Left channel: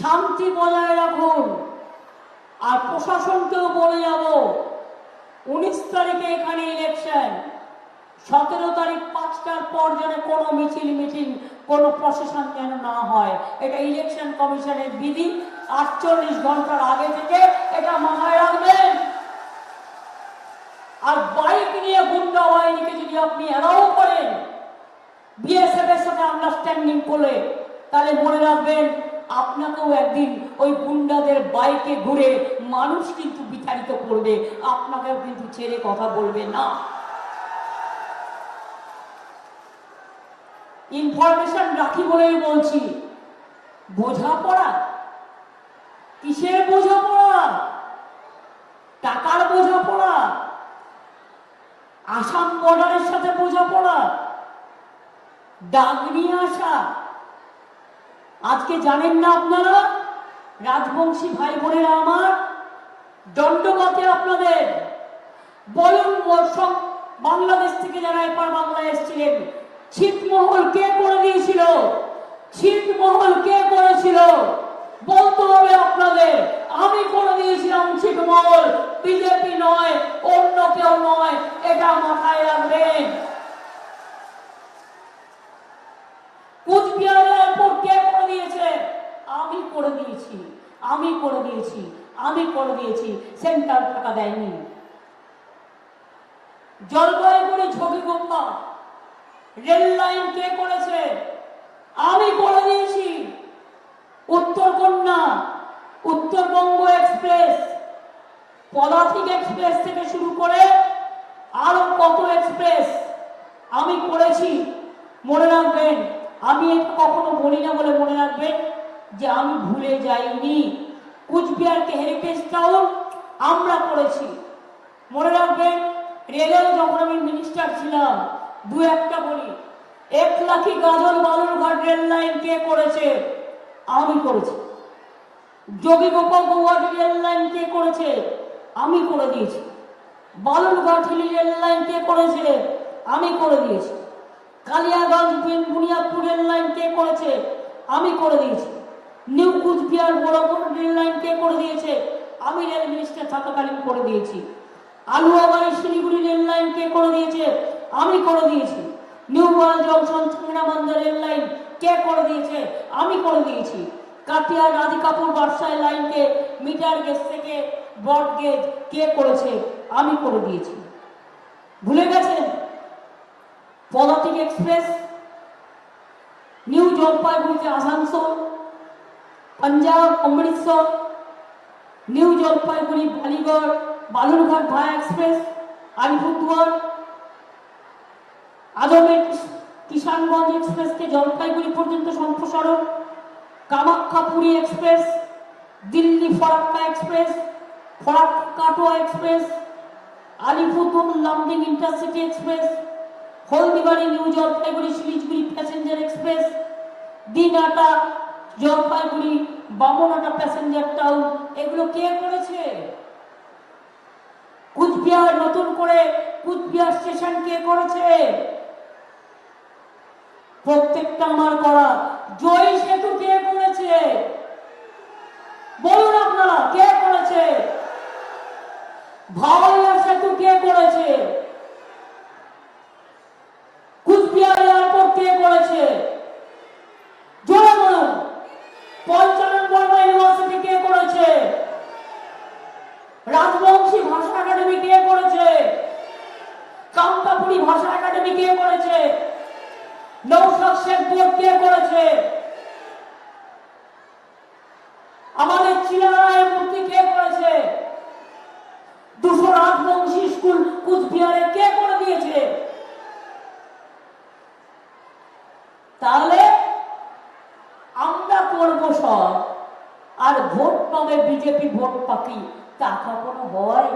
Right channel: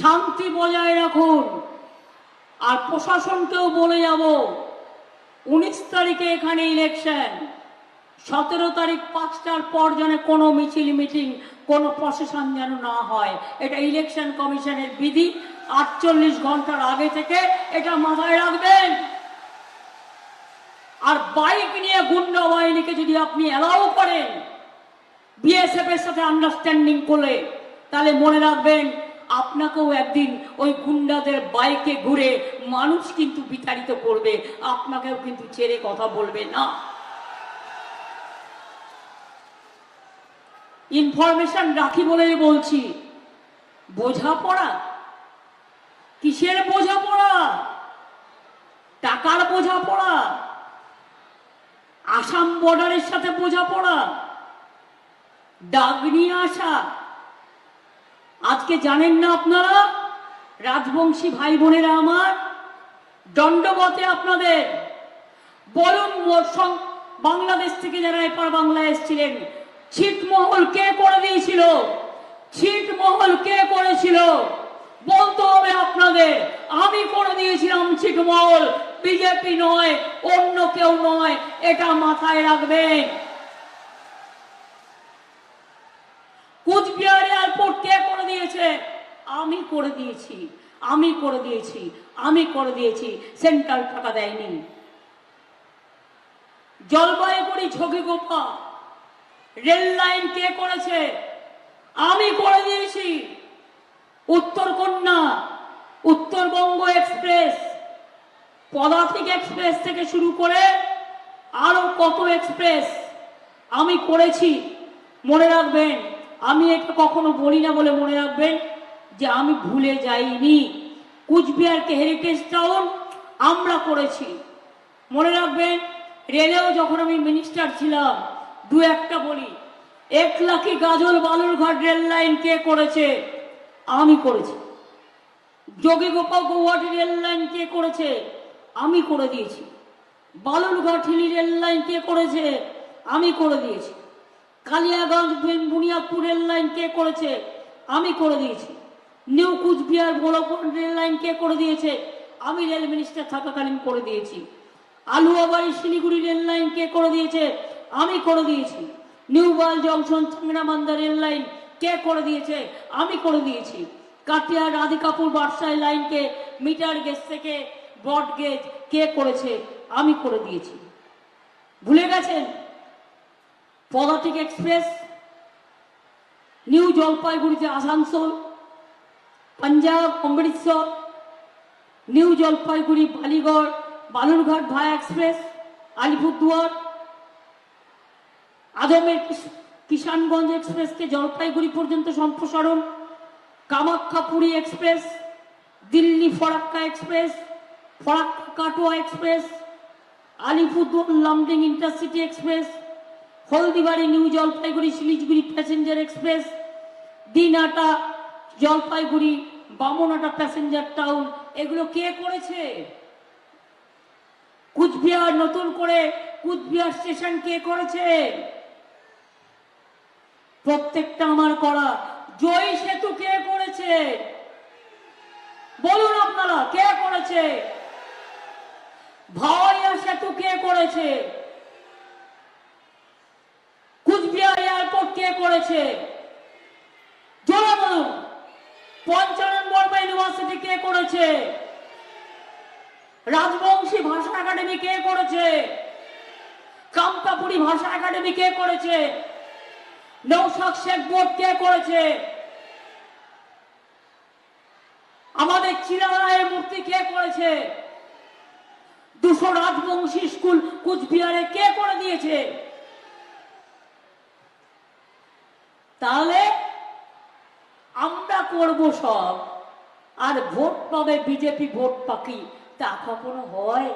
শান্তি বজায় রাখুন। আর প্রশাসনকেও বলে যাব, 19 তারিখে এখানে ইলেকশন, 17 তারিখ 5টার পর যেন কোনো মিছিল মিটিং, কোনো প্রশাসন যেন না হয়। এটা ইলেকশন কমিশনের বিধি। 48 ঘন্টার আগে থেকে এটা মাথায় রাখবেন। আর বাইক নিয়ে গুন্ডা বাহিনীকে যদি আপনি অ্যালাউ করেন বিএসএফ এর সাথে আন্ডারস্ট্যান্ডিং করে, তাহলে মনে রাখবেন আপনাকেও একদিন ওই গুন্ডাদের বাইকে ঘুরে মানুষ কিন্তু বিতাড়িত করবে, আপনাকেও কিন্তু ছেড়ে কথা বলবে না। ইনফরমেশন রাখি বলেই বলছি, বোঝাপড়া কিসের বোঝাপড়া? টাকার বোঝাপড়া? আসাম বর্ডারের সাথে বোঝাপড়া? ডাক নিয়ে আসা? আজকে জানেন না আপনারা, রাজবংশী ভাই বোনেরা আমার, দণ্ডগতে আপনাদের বলুন, বাংলাদেশ থেকে যারা এপার বাংলায় এসেছিলেন, ছিটমহল কে করে দিয়েছিল? ছিটমহল কে করেছিল? বলতে হবে আপনাদের। আমি করে দিয়েছিলাম ছিটমহল, বিজেপি নয়, অন্য কেউ নয়, এটা মাথায় রাখবেন। কুচবিহার এয়ারপোর্ট কে করে দিয়েছে? আমি করে দিয়েছি, আমি করে দিয়েছি, আমি করে দিয়েছি। সেন্ট্রাল টাকা দেয়নি। জলপাইগুড়ি ঝকিগোপা রেল লাইন কে করেছে? আমি করে দিয়েছি। উত্তরকন্যা, উত্তরবঙ্গ এক্সপ্রেস, পদাতিক এক্সপ্রেস থেকে শুরু করে আরো কত এক্সপ্রেস আমি করেছি। মনে রাখবেন, আমি এটা কখনো বলি না বলে মনে রাখবেন যে আমি ভুলে যাইনি। কুচবিহারকে হেরিটেজ টাউন আমরা করেছি। মনে রাখবেন, রেলেও যখন আমি মিনিস্টার ছিলাম, দু একটা বলি, 1 লাখি গাজল বালুরঘাট রেল লাইন কে করেছে? আমি করেছি। যোগীগোপাল গৌহাটি রেল লাইন কে করেছে? আমি করে দিয়েছি। বালুরঘাট হিলি রেল লাইন কে করেছে? আমি করে দিয়েছি। কালিয়াগঞ্জ বুনিয়াদপুর রেল লাইন কে করেছে? আমি করে দিয়েছি। New Coochbehar Golapur rail line কে করে দিয়েছে? আমি রেল মিনিস্টার থাকাকালীন করে দিয়েছি। আলুয়াবাড়ি শিলিগুড়ি রেল লাইন কে করে দিয়েছে? আমি করে দিয়েছি। নিউ বয়েল জংশন চিংড়ামান্দা রেল লাইন কে করে দিয়েছে? আমি করে দিয়েছি। কাটিয়ার রাধিকাপুর বার্সাই লাইনকে মিটার গেজ থেকে ব্রড গেজ কে করেছে? আমি করে দিয়েছি। ভুলে গেছেন? পদাতিক এক্সপ্রেস নিউ জলপাইগুড়িতে Asansol, Punjab Amritsar, new Jalpaiguri Ballygunge Balurghat via express, Alipurduar, Ajmer Kishanganj এক্সপ্রেসকে জলপাইগুড়ি পর্যন্ত সম্প্রসারণ, Kamakhya Puri express, Delhi Farakka express, Farakka Katwa express, Alipurduar Lumding intercity express, Haldibari new Jalpaiguri Siliguri passenger express, Dinhata Jalpaiguri Bamanhat passenger town, এগুলো কে করেছে? কুচবিহার নতুন করে কুচবিহার স্টেশন কে করেছে? প্রত্যেকটা আমার করা। জয় সেতু কে করেছে? বলুন আপনারা, কে করেছে? ভাওয়াইয়া সেতু কে করেছে? কুচবিহার এয়ারপোর্ট কে করেছে? জোরে বলুন। পঞ্চানন বর্মা ইউনিভার্সিটি কে করেছে? রাজবংশী ভাষা একাডেমি কে করেছে? কামতাপুরী ভাষা একাডেমি কে করেছে? নৌশাদ শেখ বোর্ড কে করেছে? আমাদের চিলারায়ের মূর্তি কে করেছে? 200 রাজবংশী স্কুল কুচবিহারে কে করে দিয়েছে? তাহলে আমরা করবো সব, আর ভোট পাবে বিজেপি, ভোট পাকি, তা কখনো হয়?